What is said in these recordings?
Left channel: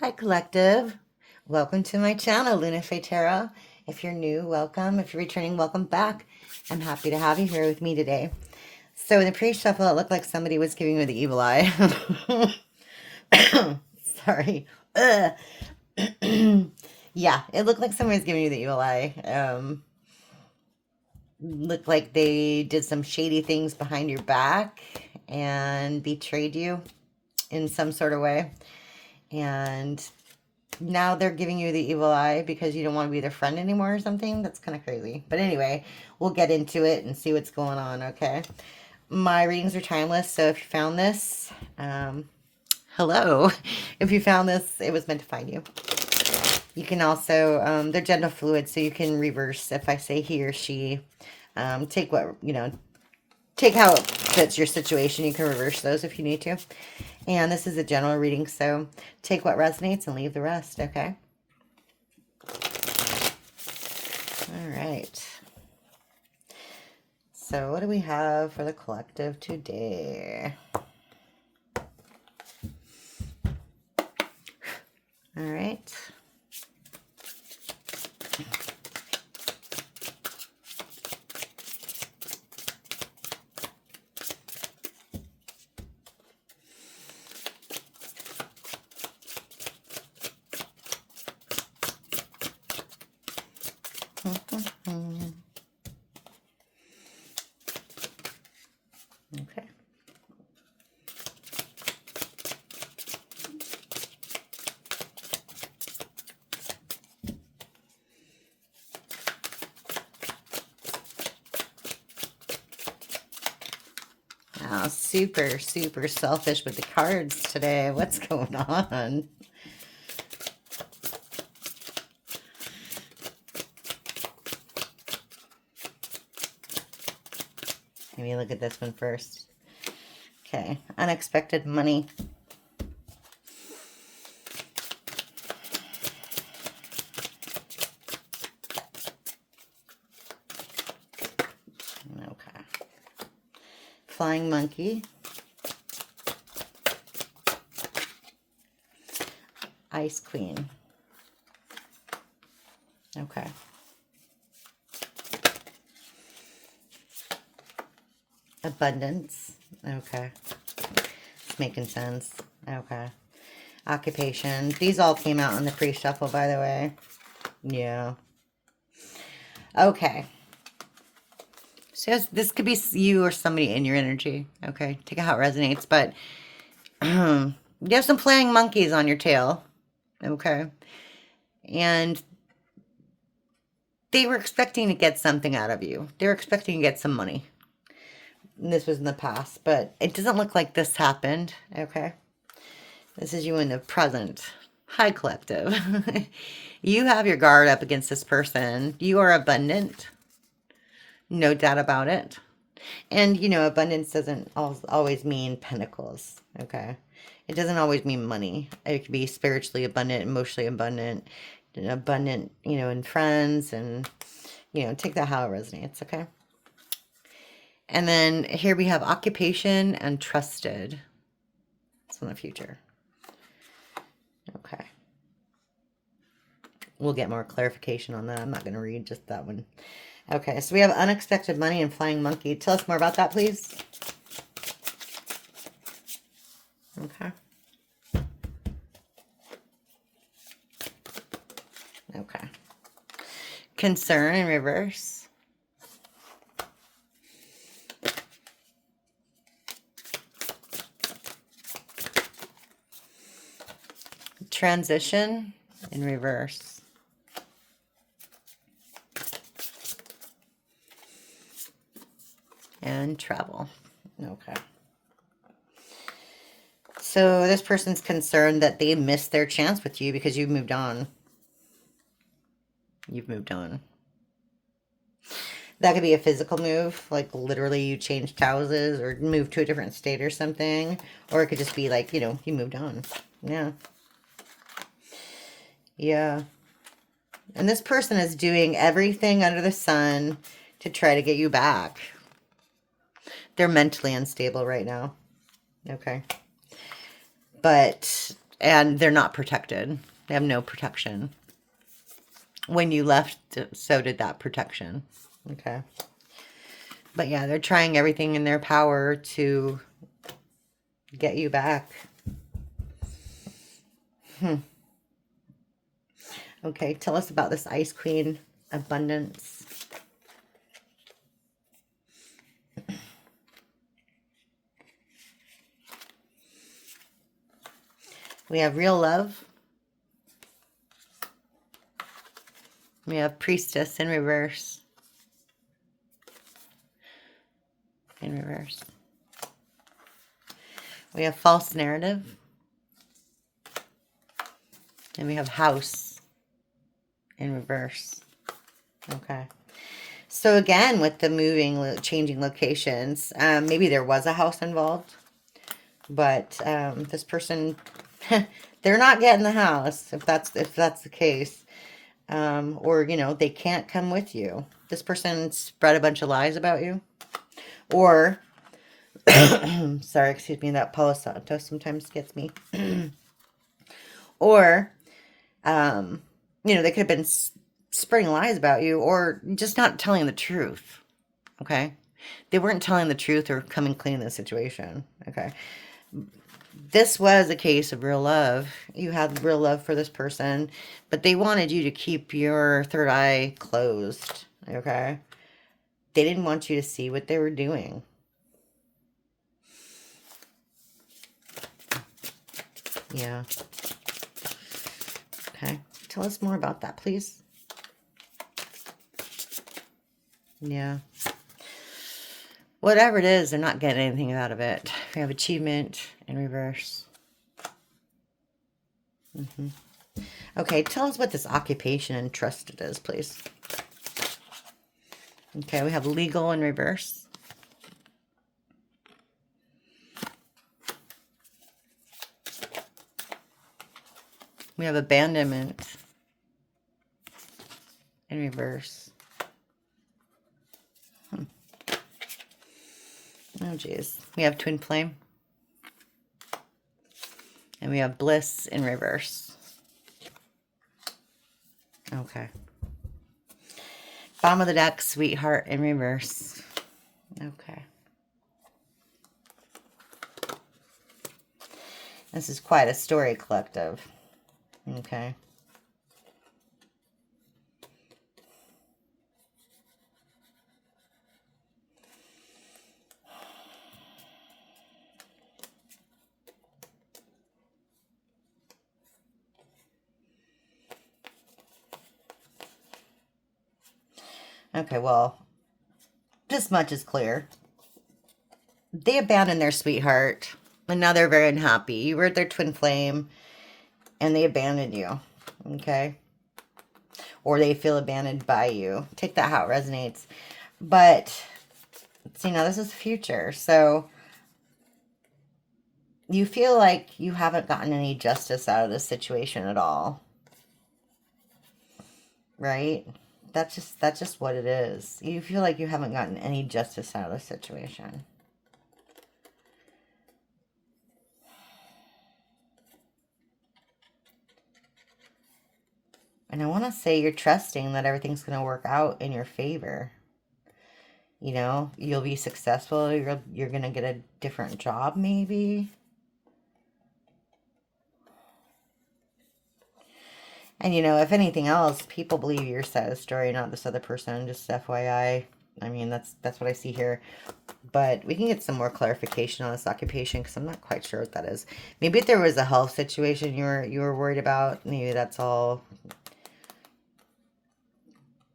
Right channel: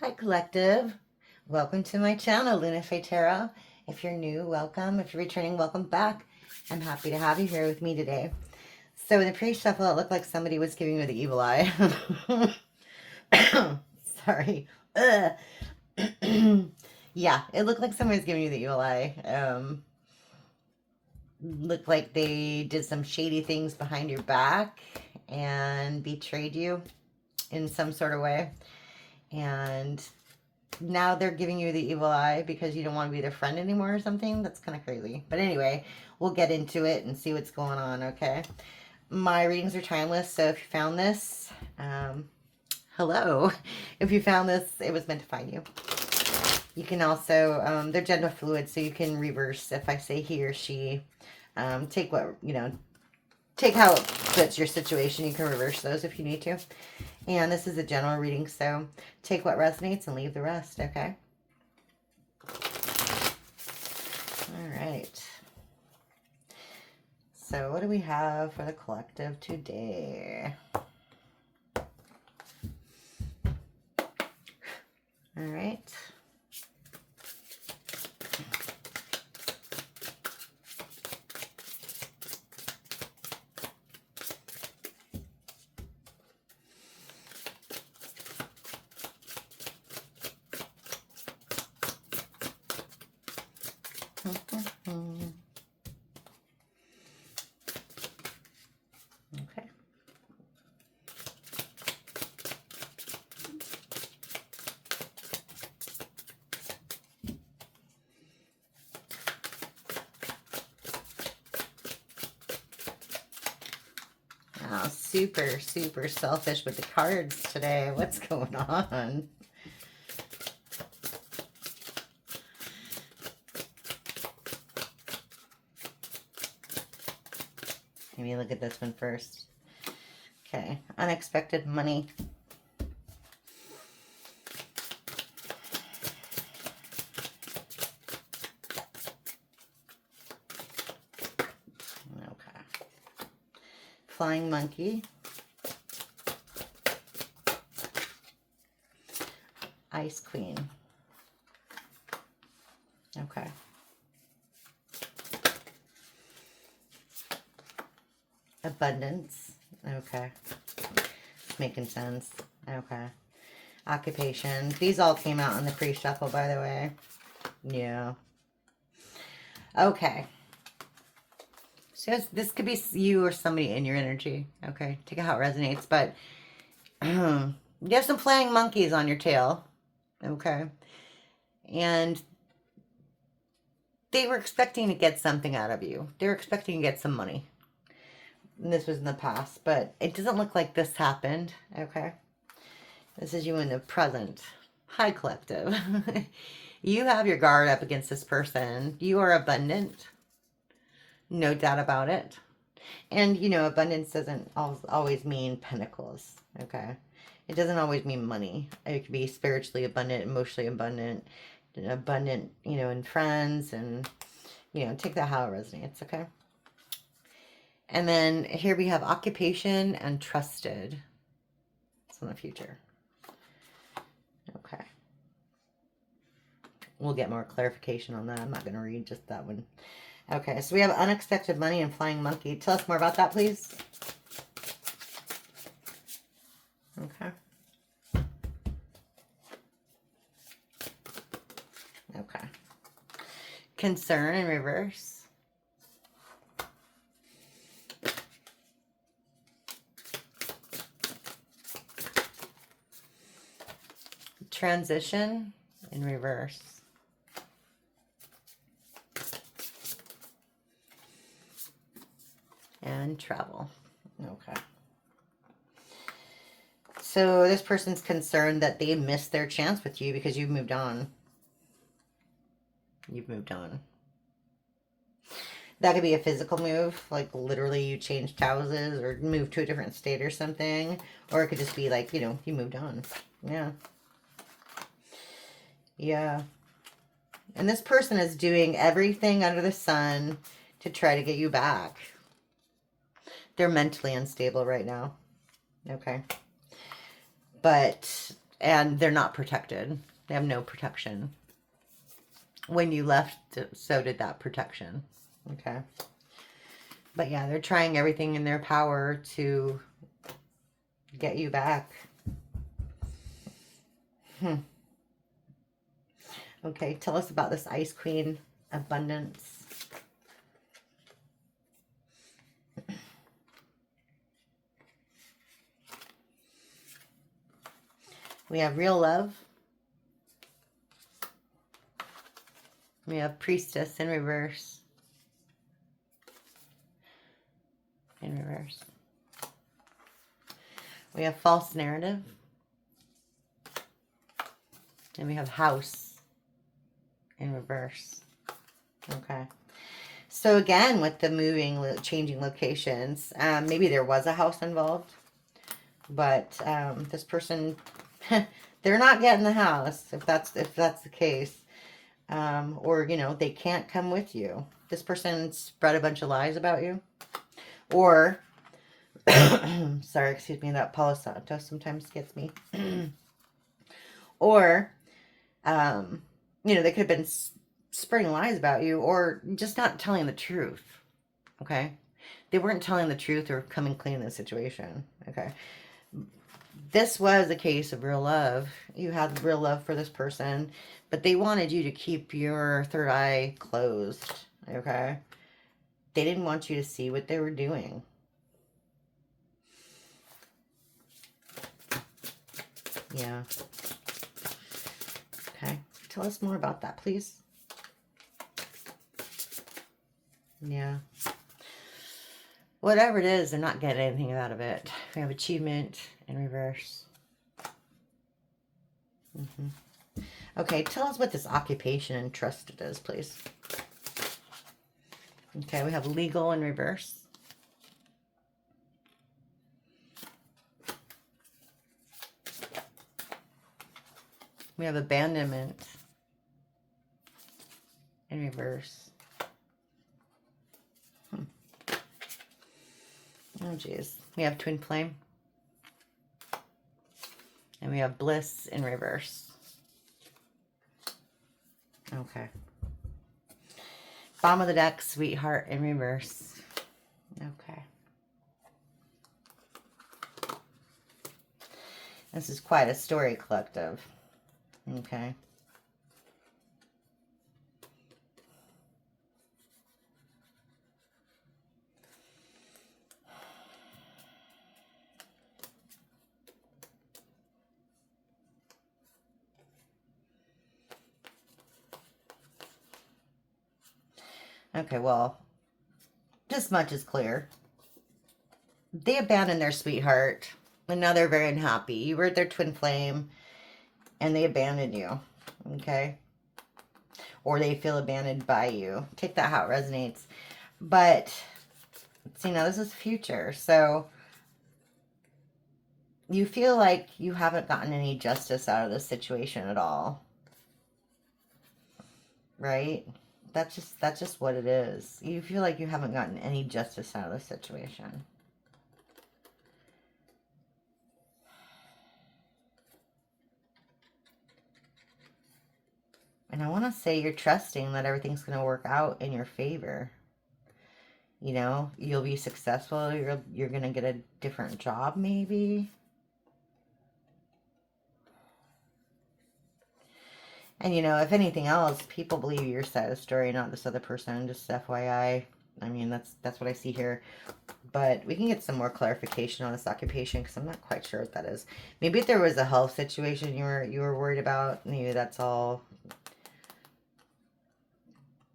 Hi, Collective. Welcome to my channel, LunaFae Tarot. If you're new, welcome. If you're returning, welcome back. I'm happy to have you here with me today. So in the pre-shuffle, it looked like somebody was giving me the evil eye. Sorry. Yeah, it looked like someone was giving you the evil eye. Looked like they did some shady things behind your back and betrayed you in some sort of way. And now they're giving you the evil eye because you don't want to be their friend anymore or something. That's kind of crazy. But anyway, we'll get into it and see what's going on, okay? My readings are timeless, so if you found this, hello. If you found this, it was meant to find you. You can also, they're gender fluid, so you can reverse if I say he or she. Take what, take how it fits your situation. You can reverse those if you need to. And this is a general reading, so take what resonates and leave the rest, okay? All right. So what do we have for the collective today? All right. Okay. Oh, super, super selfish with the cards today. What's going on? Maybe look at this one first. Okay, unexpected money. Okay. Flying monkey. Ice queen. Okay. Abundance. Okay. It's making sense. Okay. Occupation. These all came out on the pre-shuffle, by the way. Yeah. Okay. So this could be you or somebody in your energy. Okay. Take it how it resonates. But you have some flying monkeys on your tail. Okay. And they were expecting to get something out of you. They were expecting to get some money. And this was in the past, but it doesn't look like this happened. Okay. This is you in the present. Hi, collective. You have your guard up against this person. You are abundant. No doubt about it. And, abundance doesn't always mean pentacles. Okay. It doesn't always mean money. It could be spiritually abundant, emotionally abundant, in friends, and, take that how it resonates. Okay. And then here we have occupation and trusted. It's in the future. Okay. We'll get more clarification on that. I'm not going to read just that one. Okay, so we have unexpected money and flying monkey. Tell us more about that, please. Okay. Okay. Concern in reverse. Transition in reverse. And travel. Okay. So this person's concerned that they missed their chance with you because you've moved on. You've moved on. That could be a physical move, like literally you changed houses or moved to a different state or something. Or it could just be like, you moved on. Yeah. Yeah. And this person is doing everything under the sun to try to get you back. They're mentally unstable right now. Okay. But And they're not protected. They have no protection. When you left, so did that protection. Okay. But yeah, they're trying everything in their power to get you back. Okay, tell us about this Ice Queen abundance. We have real love. We have Priestess in reverse. In reverse. We have false narrative. And we have house in reverse. Okay. So again, with the moving, changing locations, maybe there was a house involved, but this person, they're not getting the house if that's the case, or you know, they can't come with you. This person spread a bunch of lies about you, or sorry, excuse me, that Palo Santo sometimes gets me, or you know, they could have been spreading lies about you, or just not telling the truth. Okay, they weren't telling the truth or coming clean in the situation. Okay, this was a case of real love. You had real love for this person, but they wanted you to keep your third eye closed. Okay, they didn't want you to see what they were doing. Yeah. Okay, tell us more about that, please. Yeah. Whatever it is, they're not getting anything out of it. We have achievement in reverse. Okay, tell us what this occupation and trusted is, please. Okay, we have legal in reverse. We have abandonment in reverse. Oh, geez. We have twin flame. And we have bliss in reverse. Okay. Bottom of the deck, sweetheart in reverse. Okay. This is quite a story collective. Okay. Okay, well, this much is clear. They abandoned their sweetheart, and now they're very unhappy. You were their twin flame, and they abandoned you, okay? Or they feel abandoned by you. Take that how it resonates. But, see, now this is the future, so you feel like you haven't gotten any justice out of this situation at all, right? That's just what it is. You feel like you haven't gotten any justice out of the situation. And I want to say you're trusting that everything's going to work out in your favor. You know, you'll be successful. You're going to get a different job, maybe. And, you know, if anything else, people believe your side of the story, not this other person. Just FYI. I mean, that's what I see here. But we can get some more clarification on this occupation because I'm not quite sure what that is. Maybe if there was a health situation you were worried about, maybe that's all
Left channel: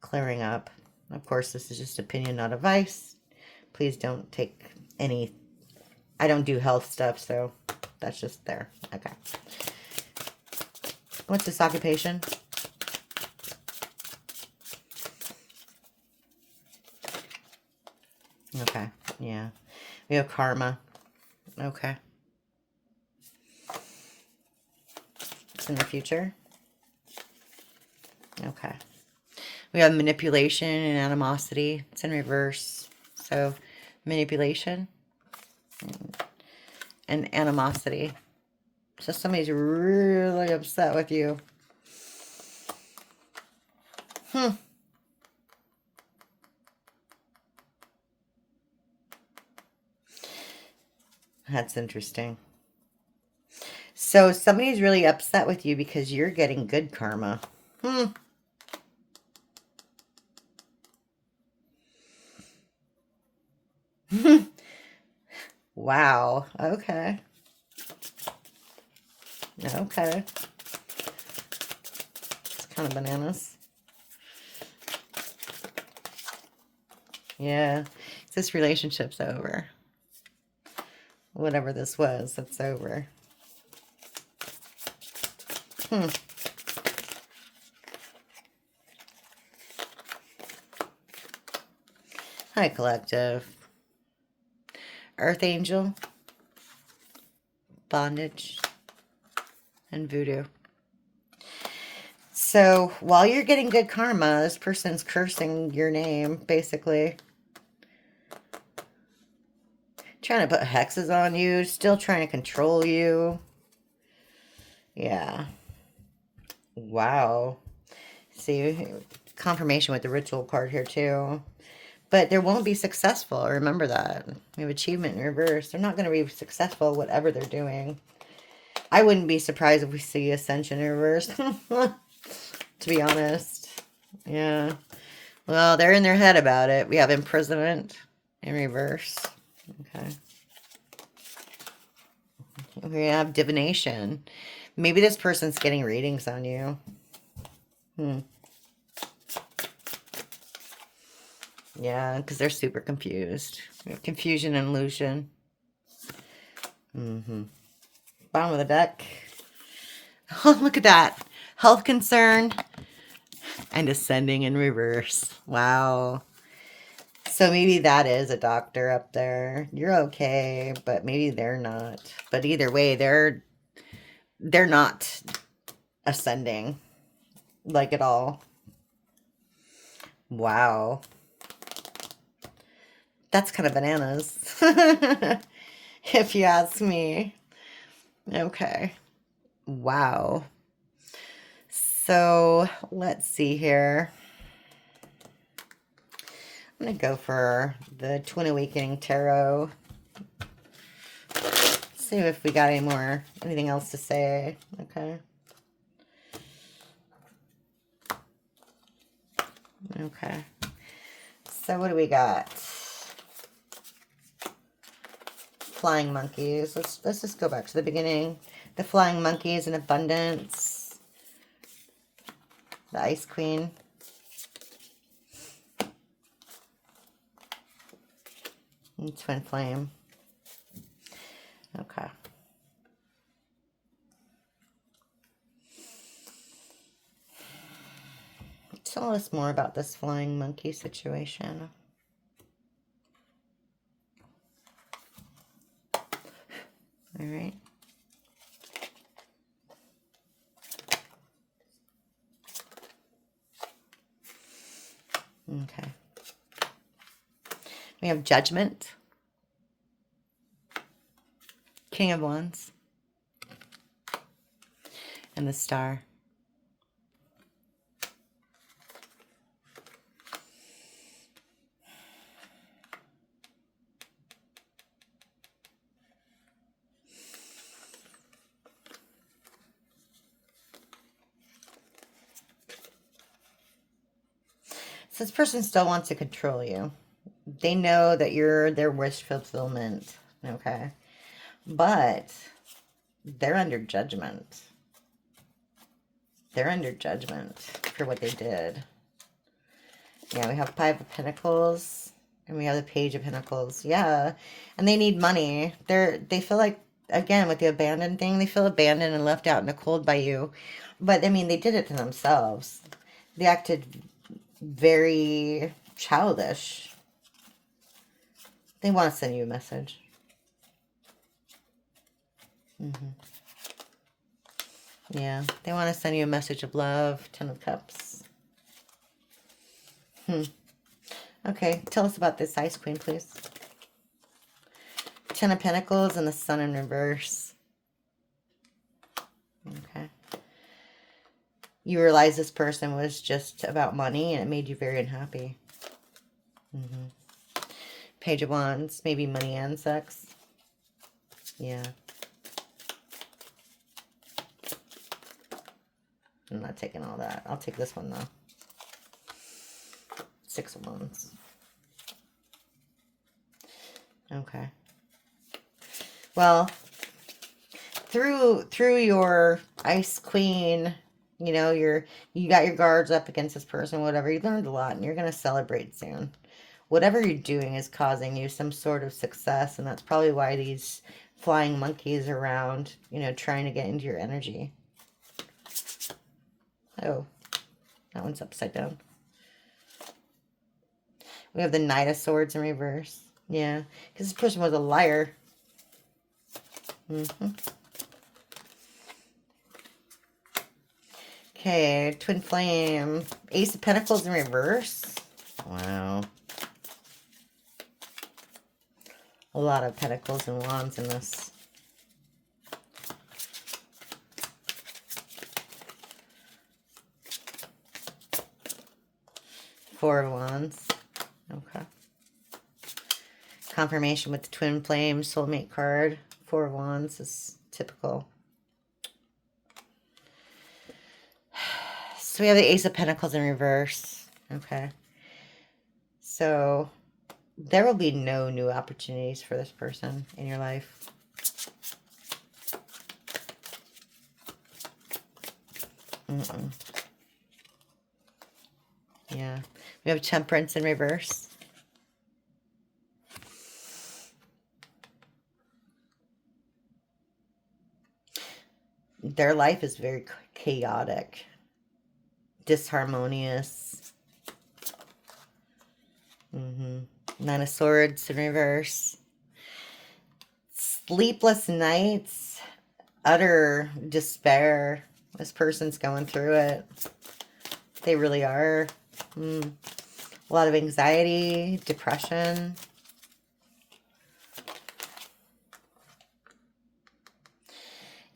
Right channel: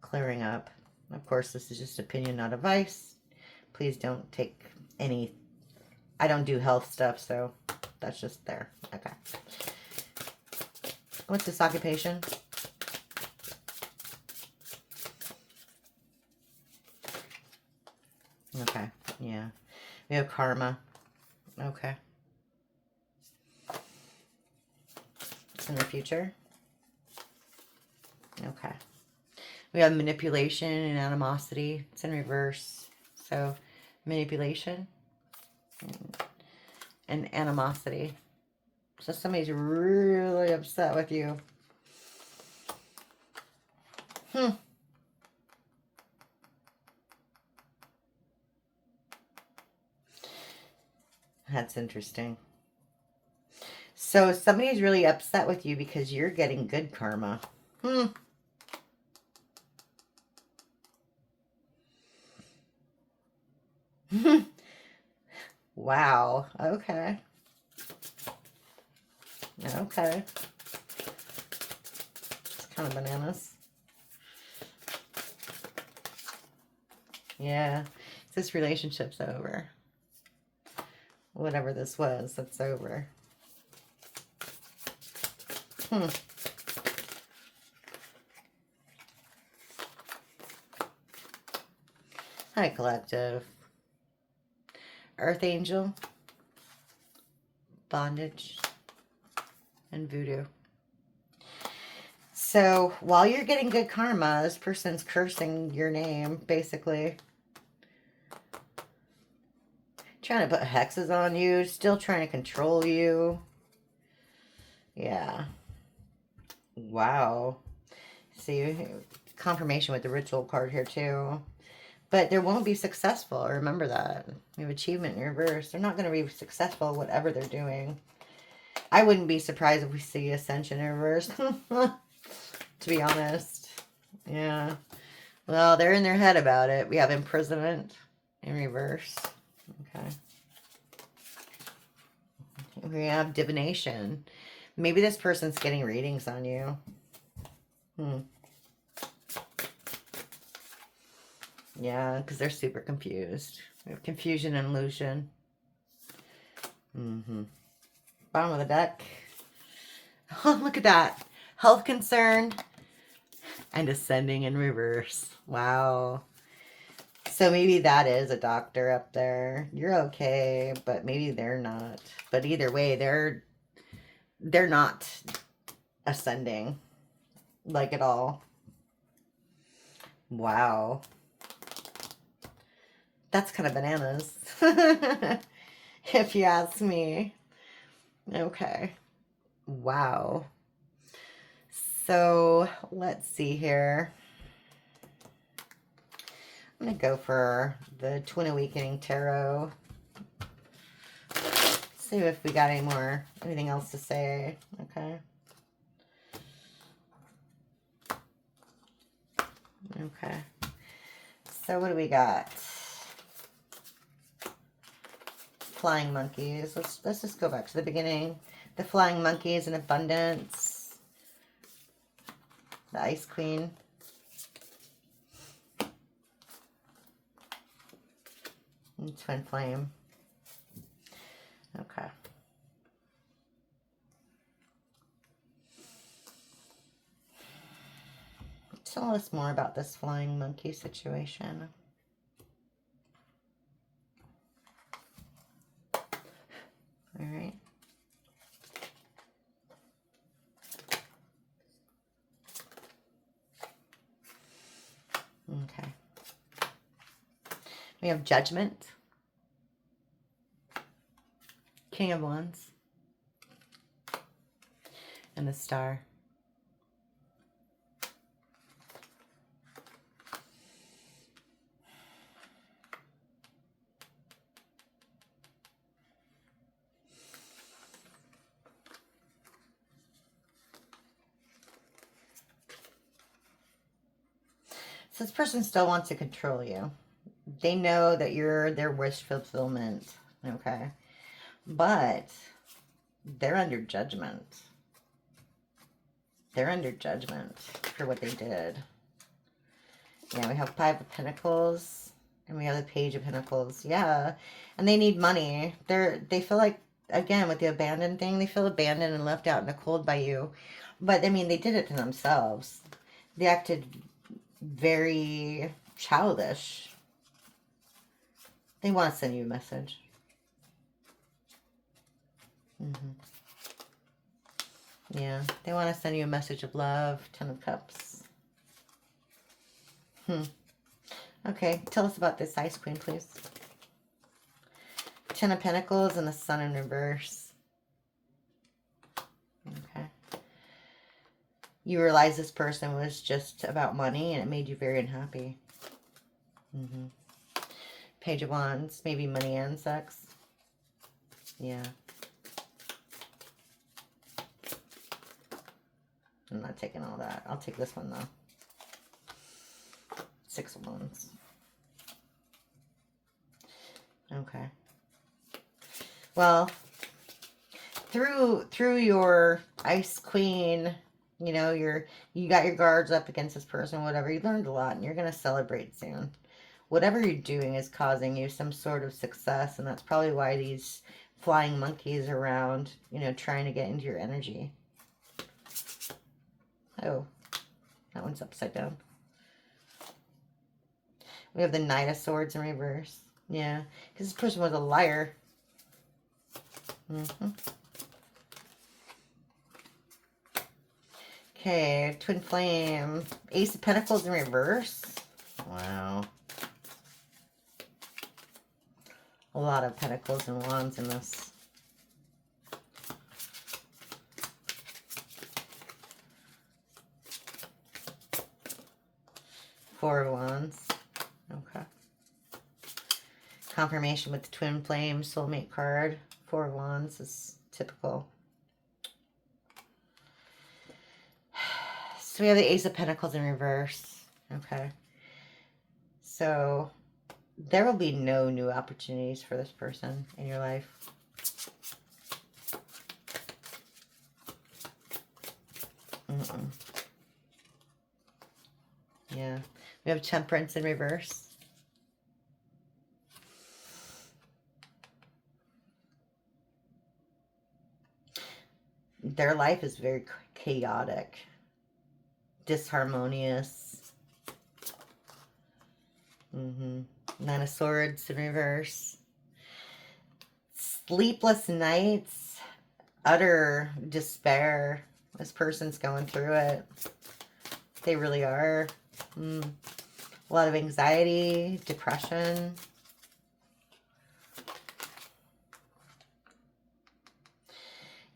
clearing up. Of course, this is just opinion, not advice. Please don't take any... I don't do health stuff, so that's just there. Okay. What's this occupation? Okay, yeah. We have karma. Okay. It's in the future. Okay. We have manipulation and animosity. It's in reverse. So, manipulation and animosity. So somebody's really upset with you. That's interesting. So somebody's really upset with you because you're getting good karma. Wow. Okay. Okay. It's kind of bananas. Yeah. This relationship's over. Whatever this was, that's over. Hi, collective. Earth Angel, bondage, and voodoo. So while you're getting good karma, this person's cursing your name, basically. Trying to put hexes on you, still trying to control you. Yeah. Wow. See, confirmation with the ritual card here too. But they won't be successful. Remember that. We have achievement in reverse. They're not going to be successful whatever they're doing. I wouldn't be surprised if we see ascension in reverse. To be honest. Yeah. Well, they're in their head about it. We have imprisonment in reverse. Okay. We have divination. Maybe this person's getting readings on you. Yeah, because they're super confused. We have confusion and illusion. Bottom of the deck. Oh, look at that. Health concern and ascending in reverse. Wow. So maybe that is a doctor up there. You're okay, but maybe they're not. But either way, they're not ascending like at all. Wow. That's kind of bananas. If you ask me. Okay. Wow. So let's see here. I'm going to go for the Twin Awakening Tarot. See if we got anything else to say. Okay. Okay. So what do we got? Flying monkeys. Let's just go back to the beginning. The flying monkeys in abundance. The Ice Queen. And Twin Flame. Okay. Tell us more about this flying monkey situation. All right. Okay. We have Judgment. King of Wands. And the Star. So this person still wants to control you. They know that you're their wish fulfillment. Okay. But they're under judgment. They're under judgment for what they did. Yeah, we have Five of Pentacles. And we have the Page of Pentacles. Yeah. And they need money. They feel like, again, with the abandoned thing, they feel abandoned and left out in the cold by you. But, I mean, they did it to themselves. They acted very childish. They want to send you a message. Yeah, they want to send you a message of love. 10 of Cups. Okay, tell us about this Ice Queen, please. 10 of Pentacles and the Sun in reverse. you realize this person was just about money and it made you very unhappy. Page of Wands, maybe money and sex. Yeah. I'm not taking all that. I'll take this one, though. 6 of Wands. Okay. Well, through your Ice Queen, you know, you got your guards up against this person, whatever. You learned a lot, and you're going to celebrate soon. Whatever you're doing is causing you some sort of success, and that's probably why these flying monkeys around, you know, trying to get into your energy. Oh, that one's upside down. We have the Knight of Swords in reverse. Yeah, because this person was a liar. Okay, Twin Flame. Ace of Pentacles in reverse. Wow. A lot of Pentacles and Wands in this. Four of Wands. Okay. Confirmation with the Twin Flame Soulmate card. Four of Wands is typical. So we have the Ace of Pentacles in reverse. Okay. So there will be no new opportunities for this person in your life. Yeah. We have Temperance in reverse. Their life is very chaotic, disharmonious. Nine of Swords in reverse. Sleepless nights, utter despair. This person's going through it. They really are. A lot of anxiety, depression.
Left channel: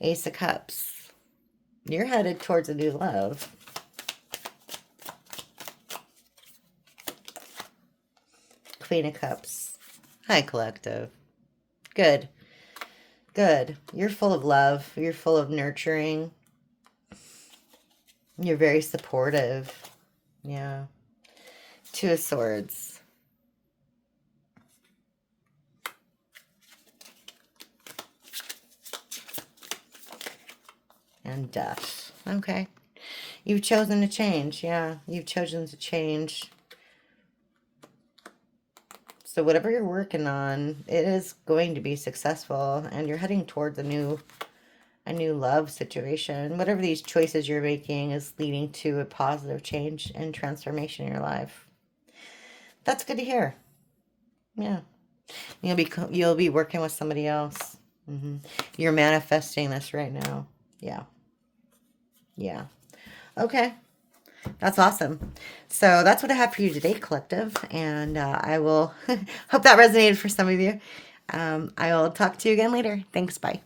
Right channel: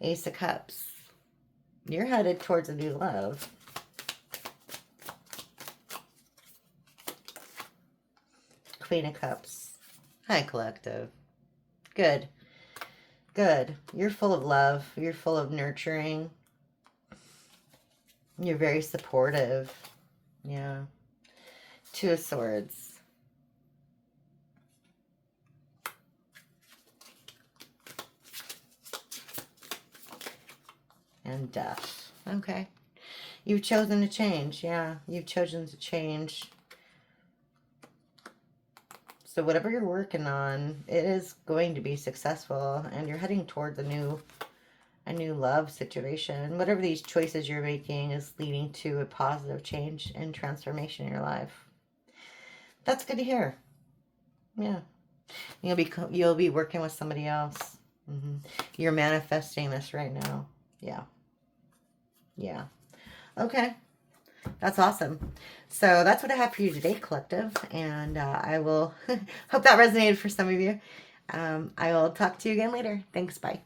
Ace of Cups. You're headed towards a new love. Queen of Cups. Hi, collective. Good. Good. You're full of love. You're full of nurturing. You're very supportive. Yeah. Two of Swords. And Death. Okay. You've chosen to change. Yeah. You've chosen to change. So whatever you're working on, it is going to be successful. And you're heading towards a new love situation. Whatever these choices you're making is leading to a positive change and transformation in your life. That's good to hear. Yeah. You'll be working with somebody else. You're manifesting this right now. Yeah. Yeah. Okay. That's awesome. So that's what I have for you today, collective. And I will hope that resonated for some of you. I will talk to you again later. Thanks. Bye.